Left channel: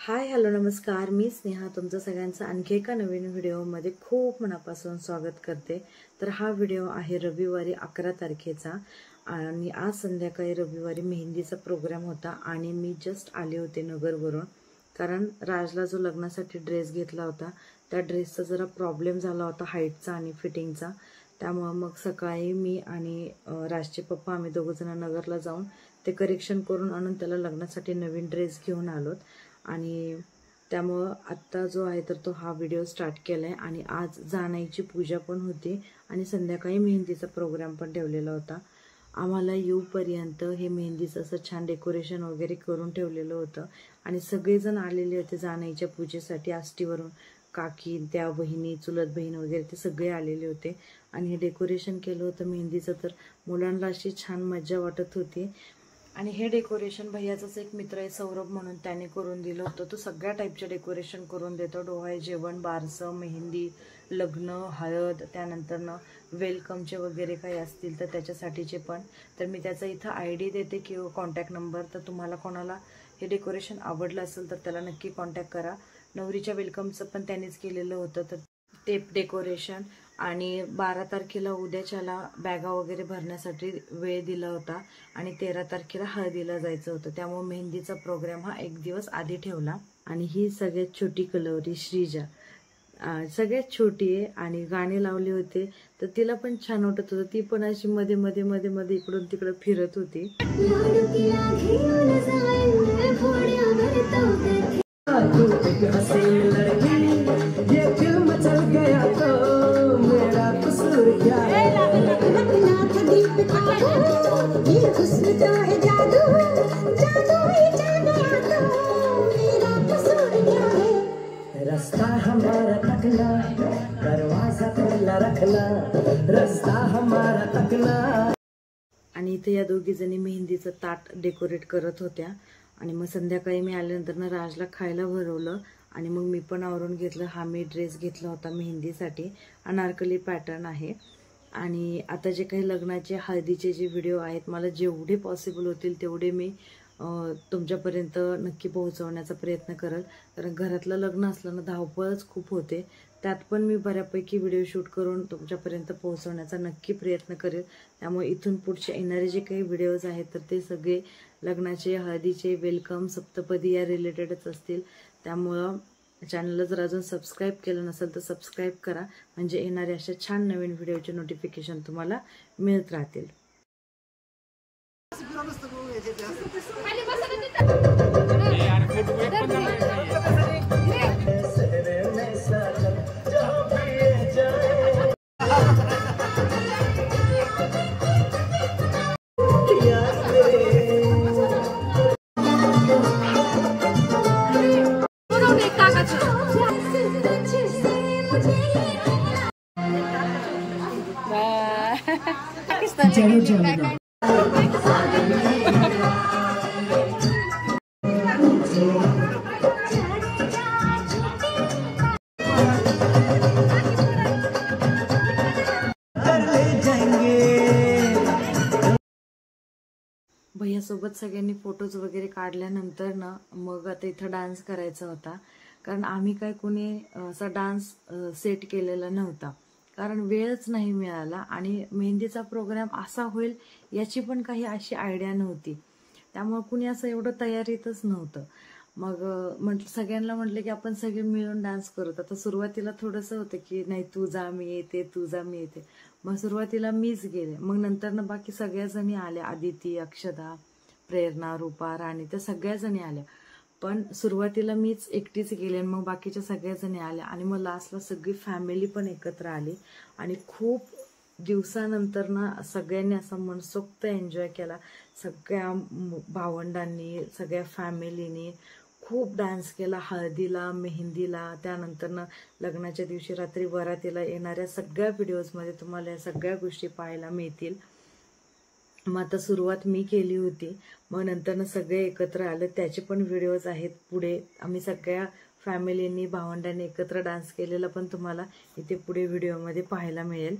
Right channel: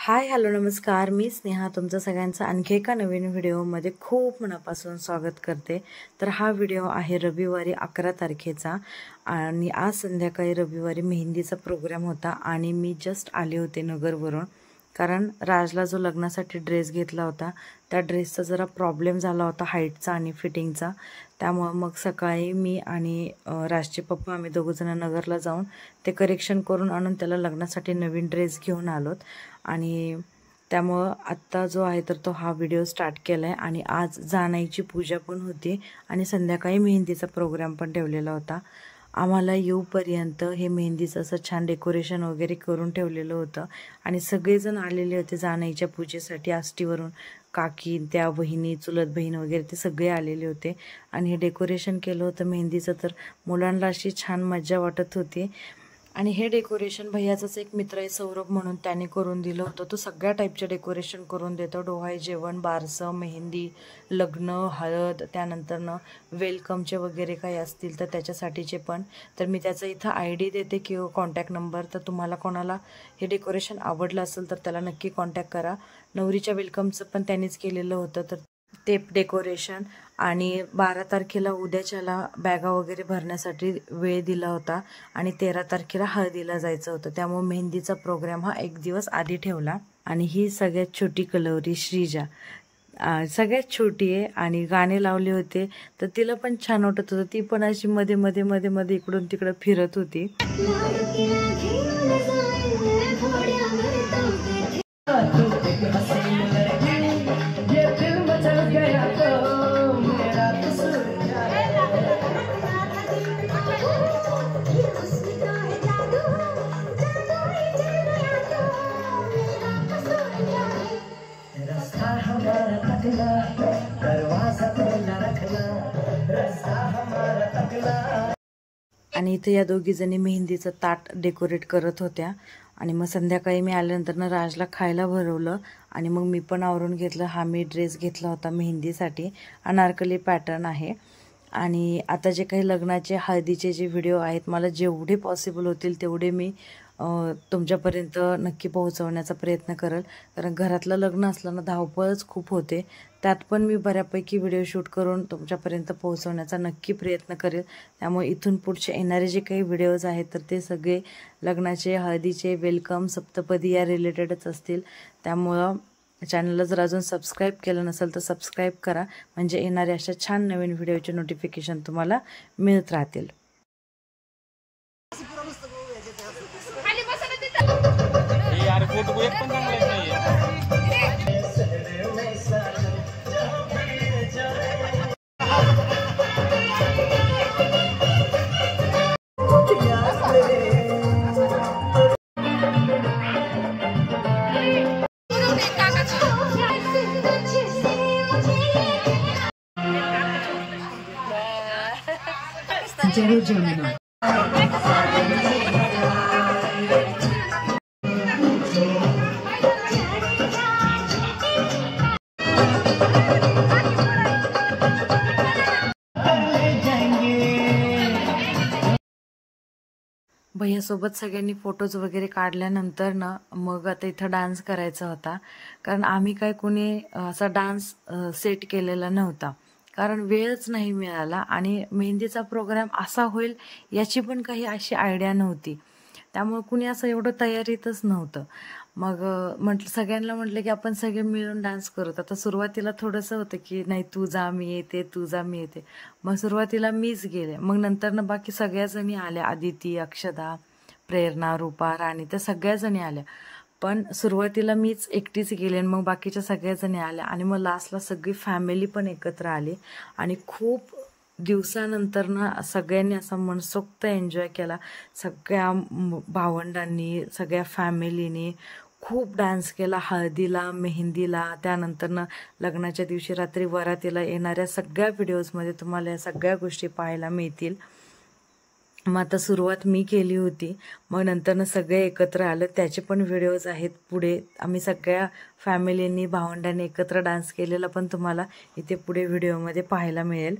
Hi hello नमस्कार, मी स्नेहा तुमचं सगळ्यांचं आणखी एका नवीन व्हिडिओमध्ये खूप मनापासून स्वागत करते। तर हा व्हिडिओ आहे रविवारी 11 तारखेचा आणि आज संध्याकाळी रविवारी मेहंदीचा प्रोग्राम होता आणि मी जस्ट आले होते नगरवरून, कारण राजला जो लग्नासाठी ड्रेस घेतला होता त्या ड्रेसचा जरा प्रॉब्लेम झाला होता हाईटचा आणि फिटिंगचा। त्यामुळे मग सकाळी मी आणि राजचे पप्पा आम्ही दोघंजण नगरला जाऊन ते करेक्शन करून आणून त्याला लग्नासाठी नवीन ड्रेस घेऊन आलोत आणि त्यामुळे आत्ता जो आहे तर तो हा व्हिडिओ स्टार्ट केला आहे। आणि आज जानाईची पूजा पण होती आणि संध्याकाळी मेहंदीचा प्रोग्राम पण ठेवलेला होता। आम्हाला येऊपर्यंत हे मेहंदीचं असं छान डेकोरेशन वगैरे करून ठेवलेलं होतं आणि सगळेजण आलेले होते जानाईच्या पूजेसाठी। आष्टीवरून काकी, त्या बहिणी, चुलत बहीण वगैरे ते सगळे आलेले होते आणि हे डेकोरेशन केलं होतं मेहंदीचं। तर मुलांना अशी छान मजा वाटत होती आणि हे डेकोरेशन भैयाचाच एक मित्र आहे सौरभ म्हणून, त्याने करून दिलं होतं। तो सगळ्या टाईपचे डेकोरेशन करून देतो, डोहाळे जेवण, बारसं, मेहंदी, लग्न, हळद, त्यानंतरनं वेलकमचे वगैरे काही असतील तर त्याच्यासाठीचे पण। तर मी त्याचा इथं ID देते किंवा कॉन्टॅक्ट नंबर, तर तुम्हाला कोणाला हे डेकोरेशन आवडलं असेल तर त्याला नक्की कॉन्टॅक्ट करा। नवरीच्या वेलकमचं पण त्यांनीच केलेलं होतं, तर ते डेकोरेशन आणि 12 तारखेला उद्याच्याला बॅगा वगैरे भरण्यासाठी वेळ दिला होता आणि 13 तारखेला हळदीला जायचं होतं, त्यामुळे मेहंदीचा प्रोग्राम हा एक दिवस आधी ठेवला। आणि ही सगळ्यात छोटी कलवरी श्रीजा, सगळ्यात छोटी आहे आणि गाणे लावले होते तर तिला पण छान वाटत होतं। ती पण अशी मध्ये मध्ये मध्ये मध्ये इकडून तिकडं फिरत होती। आणि इथे या दोघी जणी मेहंदीचं ताट डेकोरेट करत होत्या आणि मग संध्याकाळी मी आल्यानंतर ना राजला खायला भरवलं आणि मग मी पण आवरून घेतलं। हा मी ड्रेस घेतला होता मेहंदीसाठी, अनारकली पॅटर्न आहे। आणि आता जे काही लग्नाचे हळदीचे जे व्हिडिओ आहेत मला जेवढे पॉसिबल होतील तेवढे मी तुमच्यापर्यंत नक्की पोहोचवण्याचा प्रयत्न करेल, कारण घरातलं लग्न असलं ना धावपळच खूप होते, त्यात पण मी बऱ्यापैकी व्हिडिओ शूट करून तुमच्यापर्यंत पोहोचवण्याचा नक्की प्रयत्न करेल। त्यामुळे इथून पुढचे येणारे जे काही व्हिडिओज आहेत तर ते सगळे लग्नाचे, हळदीचे, वेलकम, सप्तपदी या रिलेटेडच असतील। त्यामुळं चॅनलला जर अजून सबस्क्राईब केलं नसेल तर सबस्क्राईब करा, म्हणजे येणाऱ्या अशा छान नवीन व्हिडिओचे नोटिफिकेशन तुम्हाला मिळत राहतील। जय जमुना भैयासोबत सगळ्यांनी फोटोज वगैरे काढल्यानंतर ना मग आता इथं डान्स करायचा होता, कारण आम्ही काय कोणी असा डान्स सेट केलेला नव्हता, कारण वेळच नाही मिळाला आणि मेहंदीचा प्रोग्राम असा होईल याची पण काही अशी आयडिया नव्हती, त्यामुळे कुणी असं एवढं तयारीतच नव्हतं। मग सगळ्यांना म्हटलं की आपण सगळे मिळून डान्स करूत। आता सुरुवातीला थोडंसं होतं की नाही तू जा मी येते, तू जा मी येते, मग सुरुवातीला मीच गेले, मग नंतर बाकी सगळ्या जणी आल्या, आदिती, अक्षदा, प्रेरणा, रूपा, राणी, त्या सगळ्या जणी आल्या, पण सुरुवातीला मीच एकटीच गेले आणि मग बाकीच्या सगळ्या जणी आल्या आणि मग लास्टला सगळी फॅमिली पण एकत्र आली आणि खूप दिवसानंतर ना सगळ्यांनी असा मनसोक्त एन्जॉय केला। सगळ्या भावंडांनी, सगळ्या फॅमिलीनी खूप डान्स केला हळदीला, मेहंदीला, त्यानंतरनं लग्नाच्या दिवशी रात्री वरातीला। येणाऱ्या सगळ्या व्हिडिओजमध्ये तुम्हाला या सगळ्या गोष्टी पाहायला मिळतील। मग आता सुरुवात मी केली होती, मग नंतरनं सगळे एकत्र आलं, त्याचे पण व्हिडिओज आहेत पुढे। आम्ही सगळ्या फॅमिलींनी, भावंडांनी एकत्र डान्स केलेला पण तुम्हाला इथे पुढे व्हिडिओमध्ये पाहायला मिळेल।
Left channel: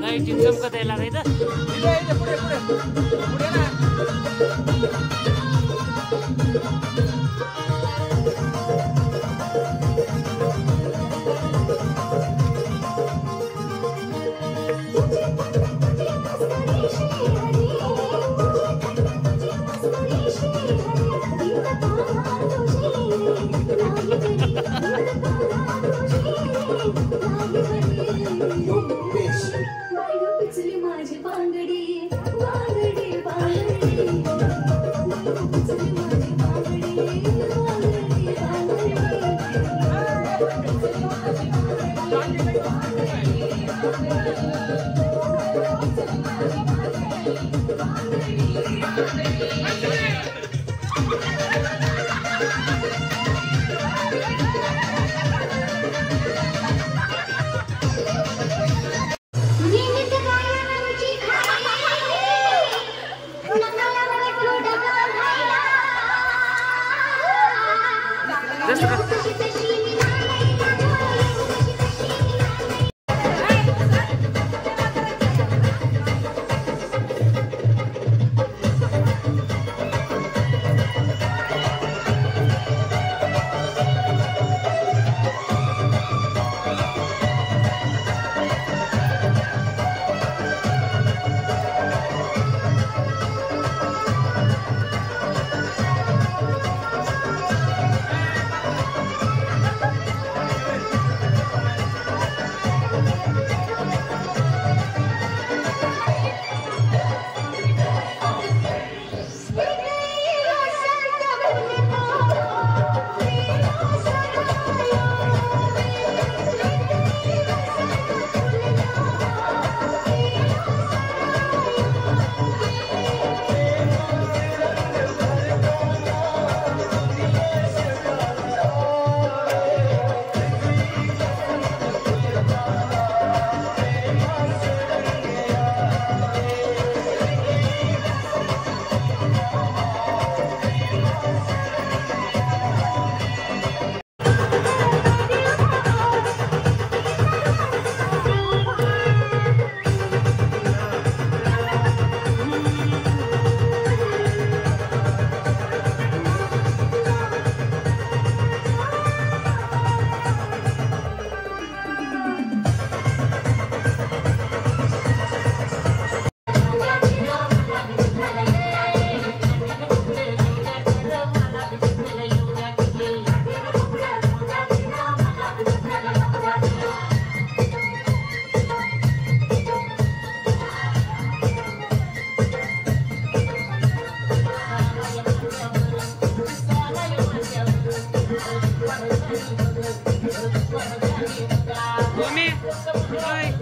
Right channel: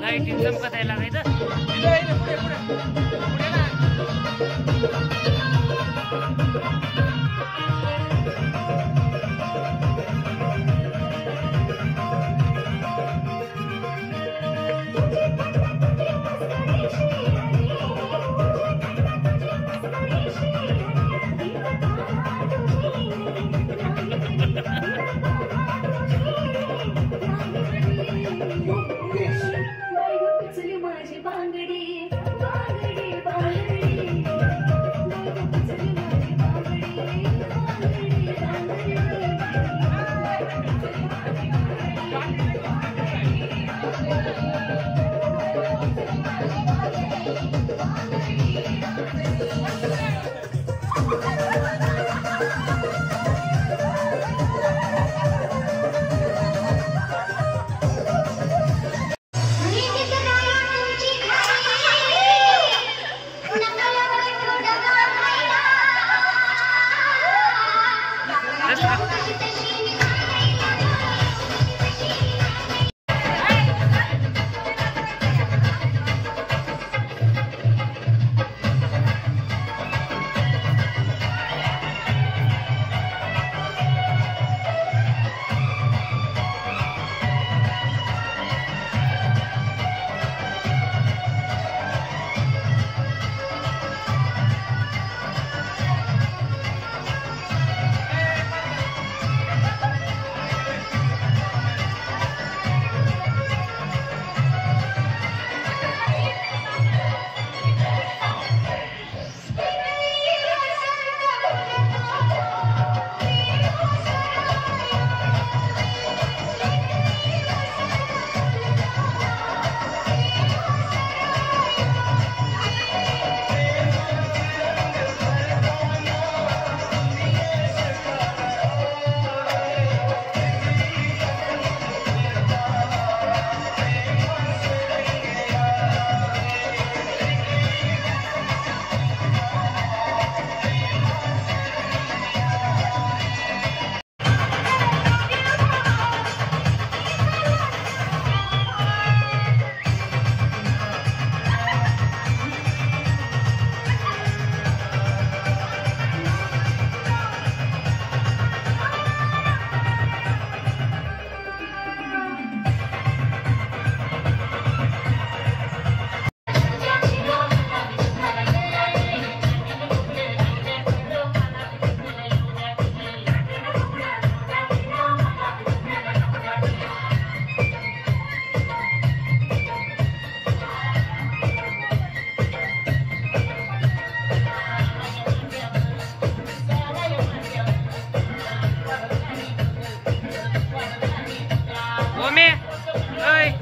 लाईट चमकत आहे लागायचं.